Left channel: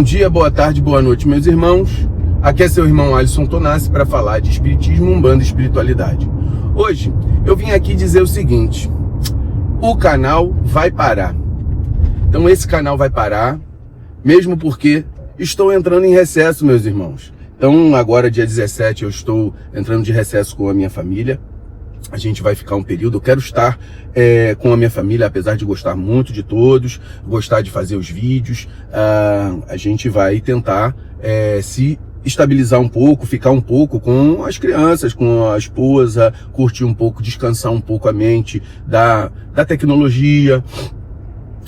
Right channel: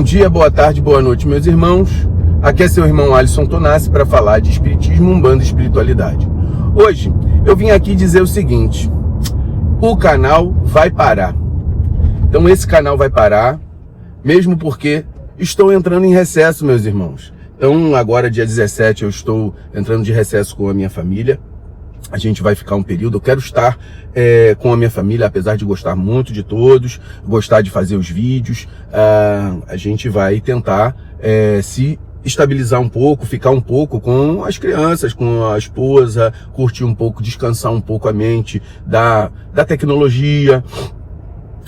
Bom dia, boa tarde, boa noite, meus irmãos. Aqui é seu irmão Alisson Tonassi para falar de Espiritismo, Umbanda e Espiritualidade. Hoje eu vim aqui dizer o seguinte: o canal vai parar. Então esse canal vai parar, mesmo porque estou entrando em recesso, meus irmãos. Então agora, dia 17, eu estou entrando de recesso com a minha família. A gente vai ficar um período, eu quero estar com a minha família, apesar de gostar muito de todos, gostar de fazer os vídeos. A gente vai tentar se estabilizar um pouco, ficar um pouco com as crianças, com a esposa, curtir um pouco, descansar um pouco a mente da tecnologia,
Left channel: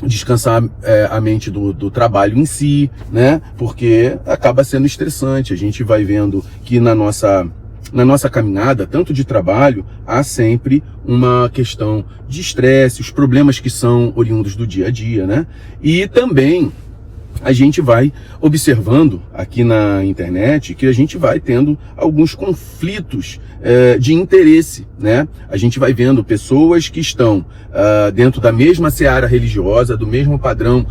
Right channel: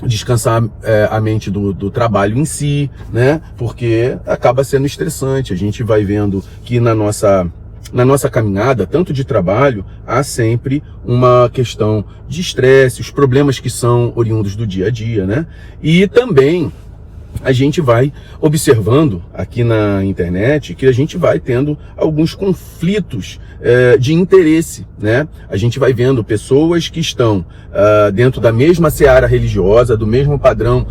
descansar a mente do trabalho em si, né? Porque acaba sendo estressante. A gente vai vendo que na nossa caminhada, tanto de trabalho, há sempre uma questão de estresse, os problemas que são oriundos do dia a dia, né? E também a gente vai observando aqui na internet que a gente vai tendo alguns conflitos de interesse, né? A gente vai vendo pessoas que estão dentro da mesma seara religiosa, do mesmo padrão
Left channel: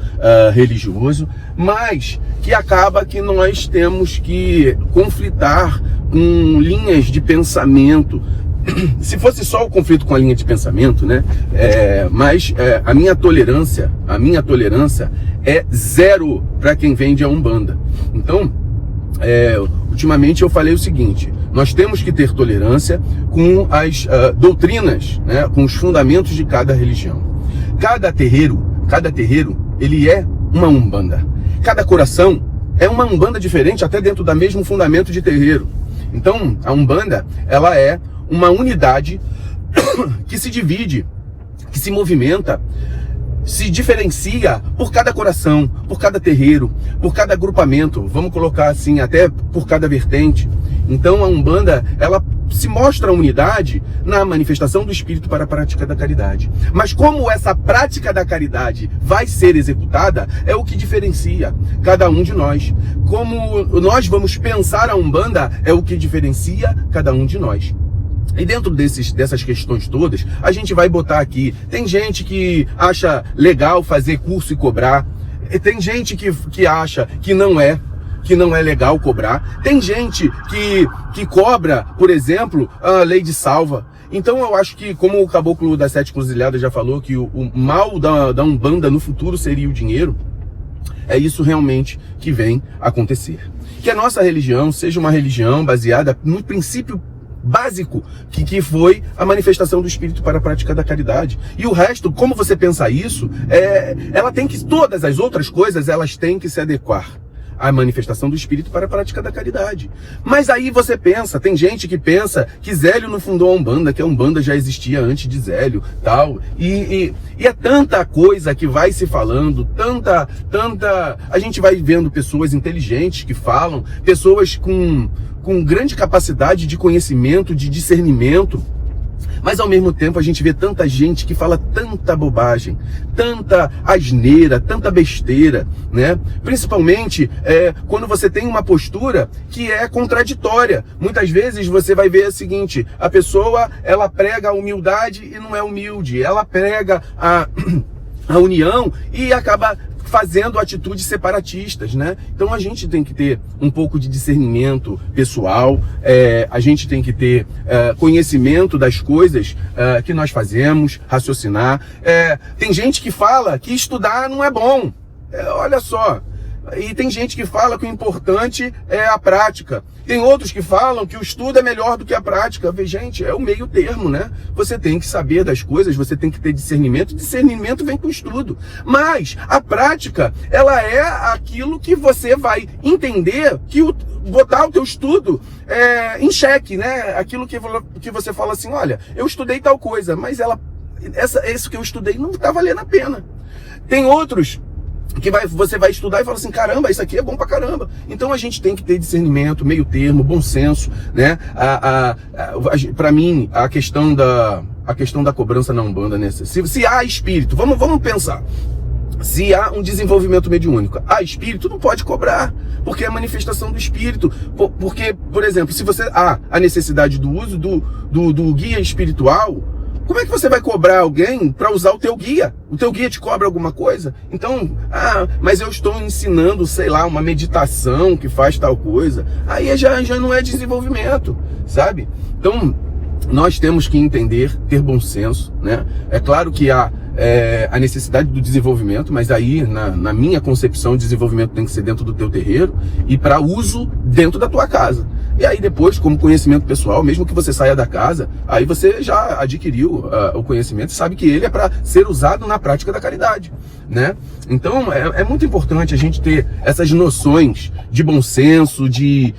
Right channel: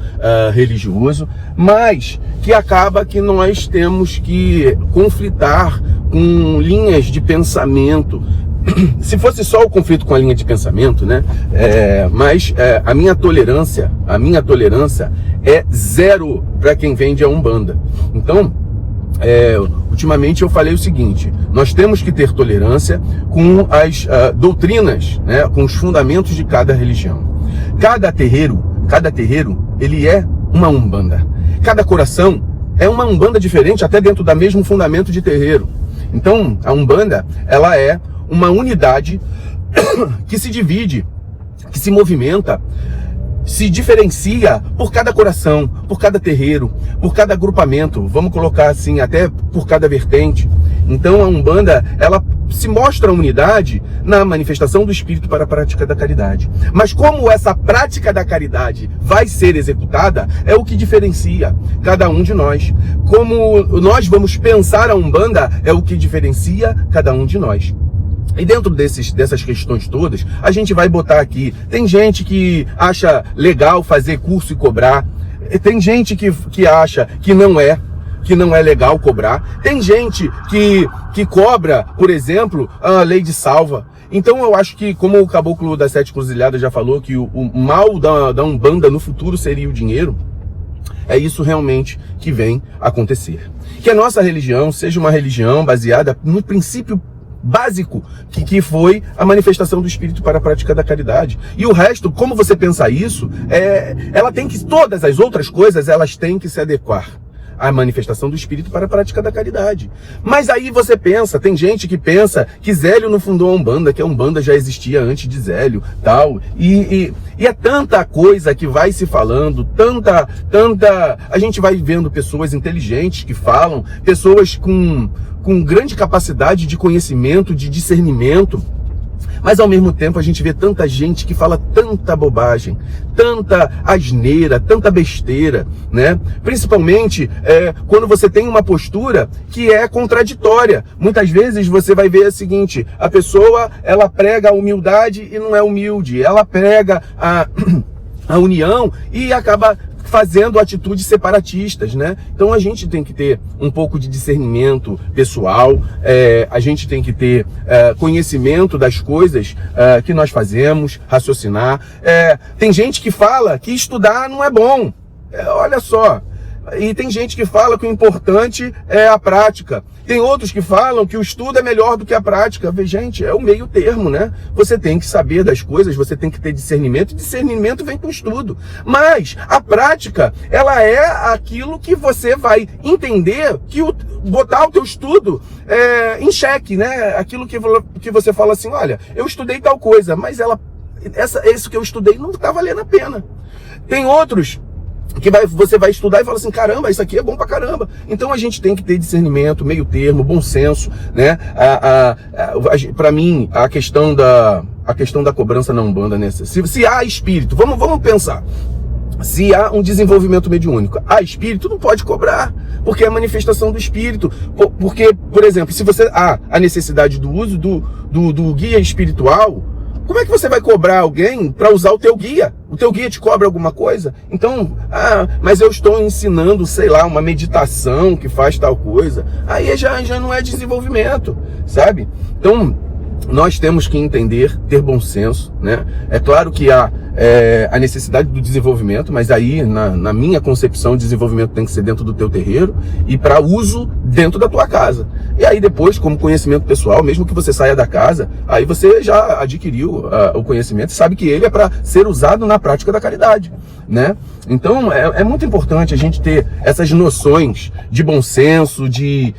religioso, mas que acaba que nós temos que conflitar com linhas de pensamento. Se fosse só o conflito com a linha de pensamento, né? Mas a minha tolerância é zero para quem vende a Umbanda. Então, ultimamente eu falei o seguinte: nós temos que ter tolerância com as doutrinas, né? Com os fundamentos de cada religião. Cada terreiro, ele é uma Umbanda. Cada coração é uma Umbanda diferente, até dentro do mesmo fundamento de terreiro. Então, a Umbanda, ela é uma unidade que se divide, que se movimenta, se diferencia por cada coração, por cada terreiro, por cada agrupamento, vamos colocar assim, até por cada vertente. Então a Umbanda, ela se mostra a unidade na manifestação do Espírito para a prática da caridade. Mas como essa prática da caridade vai ser executada, é o que diferencia cada um de nós. Como nós vamos pensar a Umbanda, é o que diferencia cada um de nós. E dentro dessas questões todas, a gente vai botar aqui. Tem gente que acha legal fazer curso e cobrar. Tem gente que acha que não é legal cobrar. Tem gente que cobra, por exemplo, a lei de salva. Então eu acho que, como o Caboclo das Sete Cruzilhadas já falou, que o mal da Umbanda no futuro seria o dinheiro, é isso realmente que vem acontecer. Que a nossa religião seja uma religião baseada no princípio básico, que foi a manifestação do Espírito para a prática da caridade. E o resto, como você pensa isso, todas as outras coisas, elas têm que se adequar à manifestação do Espírito para a prática da caridade. Mas aí você pensa, tem gente que pensa que Zélio não fundou a Umbanda, que a Umbanda já existia antes de Zélio, tal. E é tanta coisa que vai se falando, tanta... A gente vai vendo pessoas inteligentes que falam, pessoas com grande capacidade de conhecimento, de discernimento, mas ao mesmo tempo a gente vê tanta gente que fala tanta bobagem, tanta asneira, tanta besteira, né? Principalmente quando você tem uma postura que é contraditória. Muitas vezes você vai ver o seguinte: a pessoa, ela prega a humildade e não é humilde, ela prega a união e acaba fazendo atitudes separatistas, né? Então a gente tem que ter um pouco de discernimento pessoal, a gente tem que ter conhecimento das coisas que nós fazemos, raciocinar. Tem gente que fala que estudar não é bom, olha só. E tem gente que fala que o importante é a prática. Tem outros que falam que o estudo é melhor do que a prática. Gente, é o meio termo, né? Você tem que saber das coisas, você tem que ter discernimento. Discernimento vem com o estudo. Mas a prática, ela é aquilo que você vai entender, botar o teu estudo em xeque, né? Aquilo que você fala assim: olha, eu estudei tal coisa, mas isso que eu estudei não está valendo a pena. Tem outros que você vai estudar e fala assim: caramba, isso aqui é bom pra caramba. Então a gente tem que ter discernimento, meio termo, bom senso, né? Para mim, a questão da cobrança na Umbanda, né? Se há espírito, vamos pensar. Se há um desenvolvimento mediúnico, há espírito, não pode cobrar, porque é a manifestação do espírito. Porque, por exemplo, se você há a necessidade do uso do guia espiritual, Como é que você vai cobrar alguém para usar o teu guia? O teu guia te cobra alguma coisa? Então, mas eu estou ensinando, sei lá, uma meditação que faz tal coisa. Aí já não é desenvolvimento, sabe? Então, nós temos que entender, ter bom senso, né? É claro que há a necessidade do desenvolvimento, mas aí, na minha concepção, o desenvolvimento tem que ser dentro do teu terreiro e para uso dentro da tua casa. E aí depois, como conhecimento pessoal, mesmo que você saia da casa, aí você já adquiriu o conhecimento e sabe que ele é para ser usado na prática da caridade, né? Então, é muito importante a gente ter essas noções de bom senso, de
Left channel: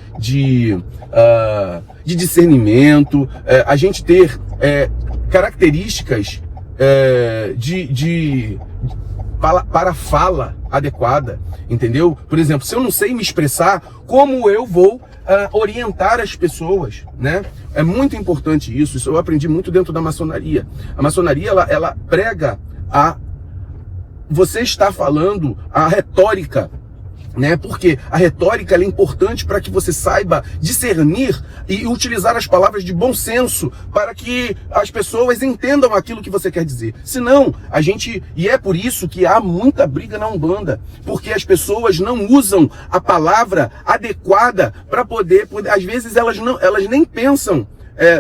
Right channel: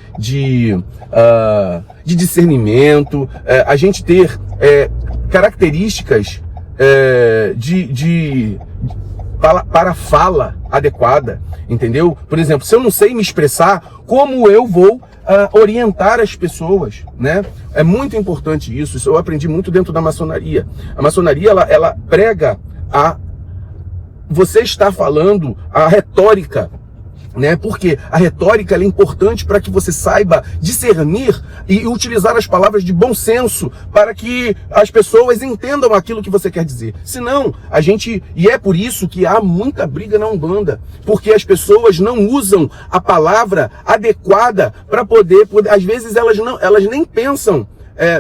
discernimento, a gente ter características para a fala adequada, entendeu? Por exemplo, se eu não sei me expressar, como eu vou orientar as pessoas, né? É muito importante isso. Isso eu aprendi muito dentro da maçonaria. A maçonaria, ela prega você está falando a retórica, né? Porque a retórica ela é importante para que você saiba discernir e utilizar as palavras de bom senso para que as pessoas entendam aquilo que você quer dizer. Senão, e é por isso que há muita briga na Umbanda, porque as pessoas não usam a palavra adequada para poder, às vezes elas nem pensam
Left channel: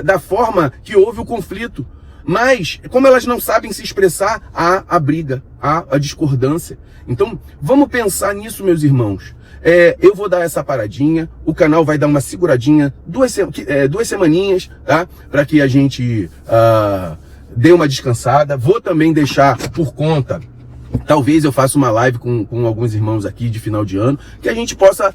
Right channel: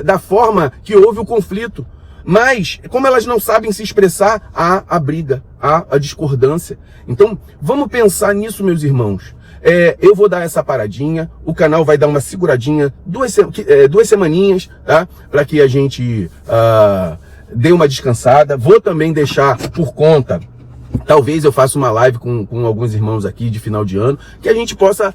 da forma que houve o conflito. Mas, como elas não sabem se expressar, há a briga, há a discordância. Então, vamos pensar nisso, meus irmãos. Eu vou dar essa paradinha, o canal vai dar uma seguradinha, duas semaninhas, tá? Para que a gente dê uma descansada. Vou também deixar por conta, talvez eu faça uma live com alguns irmãos aqui de final de ano, que a gente possa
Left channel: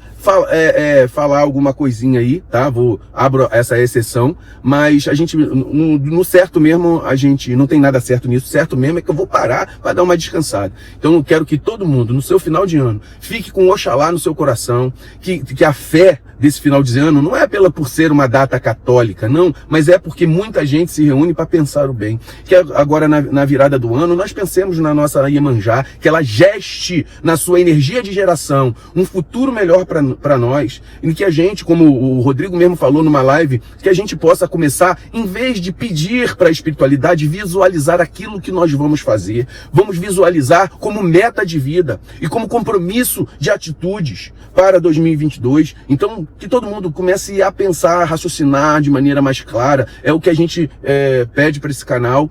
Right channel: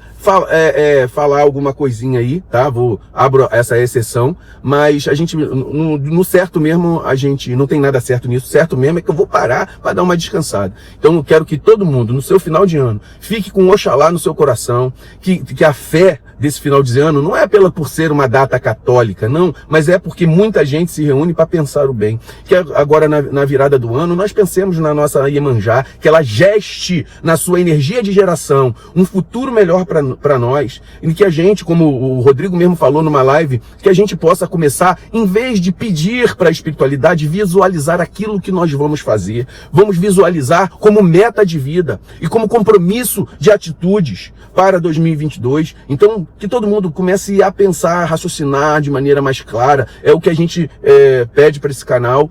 falar alguma coisinha aí, tá? Abro essa exceção, mas a gente, no certo mesmo, a gente não tem nada certo nisso. Certo mesmo é que eu vou parar para dar uma descansada. Então eu quero que todo mundo, no seu final de ano, fique com Oxalá no seu coração, que a fé desse final de ano não é por ser uma data católica, não, mas é porque muita gente se reúne para pensar o bem. Que agora na virada do ano, nós pensemos na nossa Iemanjá, que ela geste na sua energia de geração um futuro melhor para nós, e que a gente, como o Rodrigo mesmo falou numa live, que a gente possa começar, em vez de pedir para a espiritualidade, visualizar aquilo que nós vamos fazer. Vamos visualizar como meta de vida e como compromisso de atitudes para 2022. Então, que todo mundo comece a pensar, a raciocinar de maneira mais clara. É o que a gente pede para esse canal,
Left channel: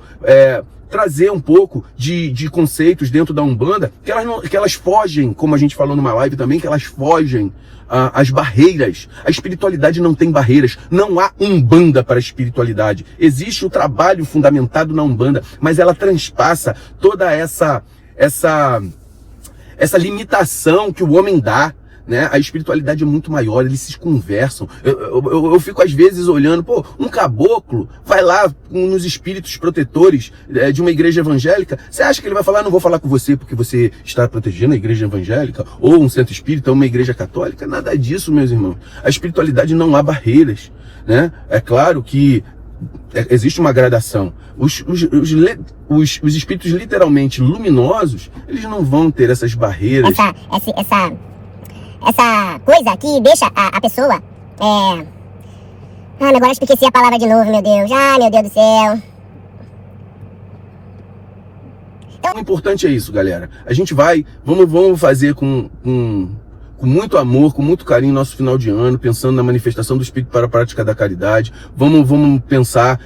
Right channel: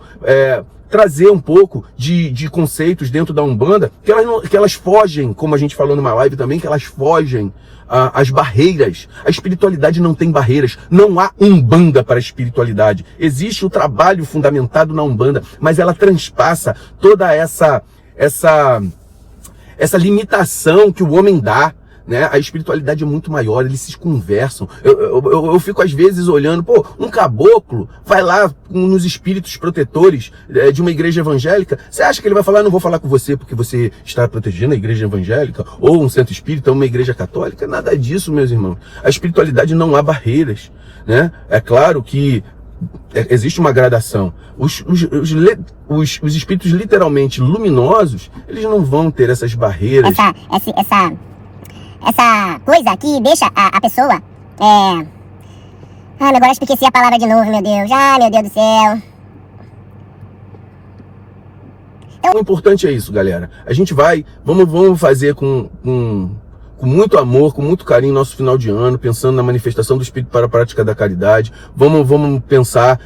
trazer um pouco de conceitos dentro da Umbanda, que elas fogem, como a gente falou numa live também, que elas fogem as barreiras. A espiritualidade não tem barreiras. Não há Umbanda para a espiritualidade. Existe o trabalho fundamentado na Umbanda, mas ela transpassa toda essa limitação que o homem dá, né? A espiritualidade é muito maior, eles se conversam. Eu fico às vezes olhando, um caboclo vai lá nos espíritos protetores de uma igreja evangélica, você acha que ele vai falar, não vou falar com você porque você está protegendo a igreja evangélica, ou um centro espírita, ou uma igreja católica? Nada disso, meus irmãos. A espiritualidade não há barreiras, né? É claro que existe uma gradação. Os espíritos literalmente luminosos, eles não vão ter essas barreiras. Essa coisa que deixa a pessoa... agora eu esqueci a palavra de novo, meu Deus. Meu Deus do céu. Então, o importante é isso, galera. A gente vamos fazer com muito amor, com muito carinho nosso final de ano, pensando na manifestação do Espírito para a prática da caridade. Vamos pensar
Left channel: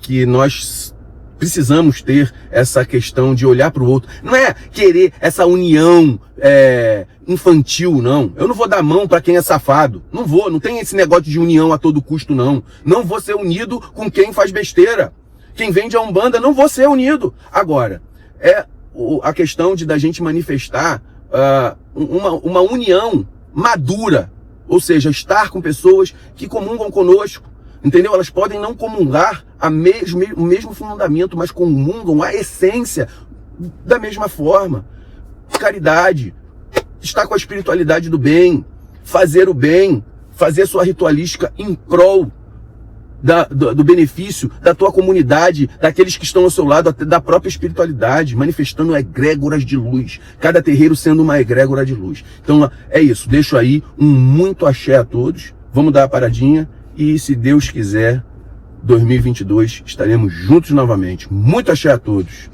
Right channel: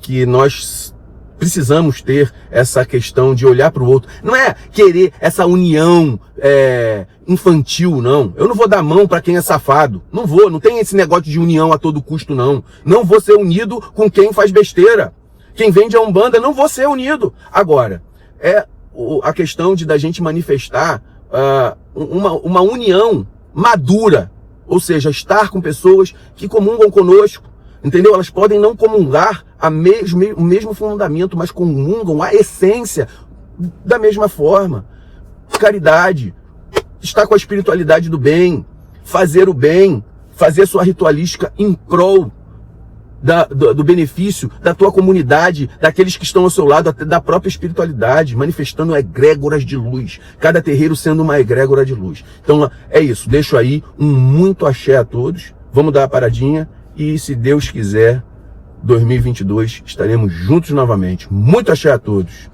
que nós precisamos ter essa questão de olhar para o outro. Não é querer essa união infantil, não. Eu não vou dar mão para quem é safado. Não tem esse negócio de união a todo custo, não. Não vou ser unido com quem faz besteira. Quem vende a Umbanda, não vou ser unido. Agora, a questão da gente manifestar uma união madura, ou seja, estar com pessoas que comungam conosco, entendeu? Elas podem não comungar o mesmo fundamento, mas comungam a essência da mesma forma. Caridade, estar com a espiritualidade do bem, fazer o bem, fazer sua ritualística em prol do benefício da tua comunidade, daqueles que estão ao seu lado, até da própria espiritualidade, manifestando egrégoras de luz, cada terreiro sendo uma egrégora de luz. Então é isso, deixo aí um muito axé a todos, vamos dar a paradinha e, se Deus quiser, 2022 estaremos juntos novamente. Muito axé a todos.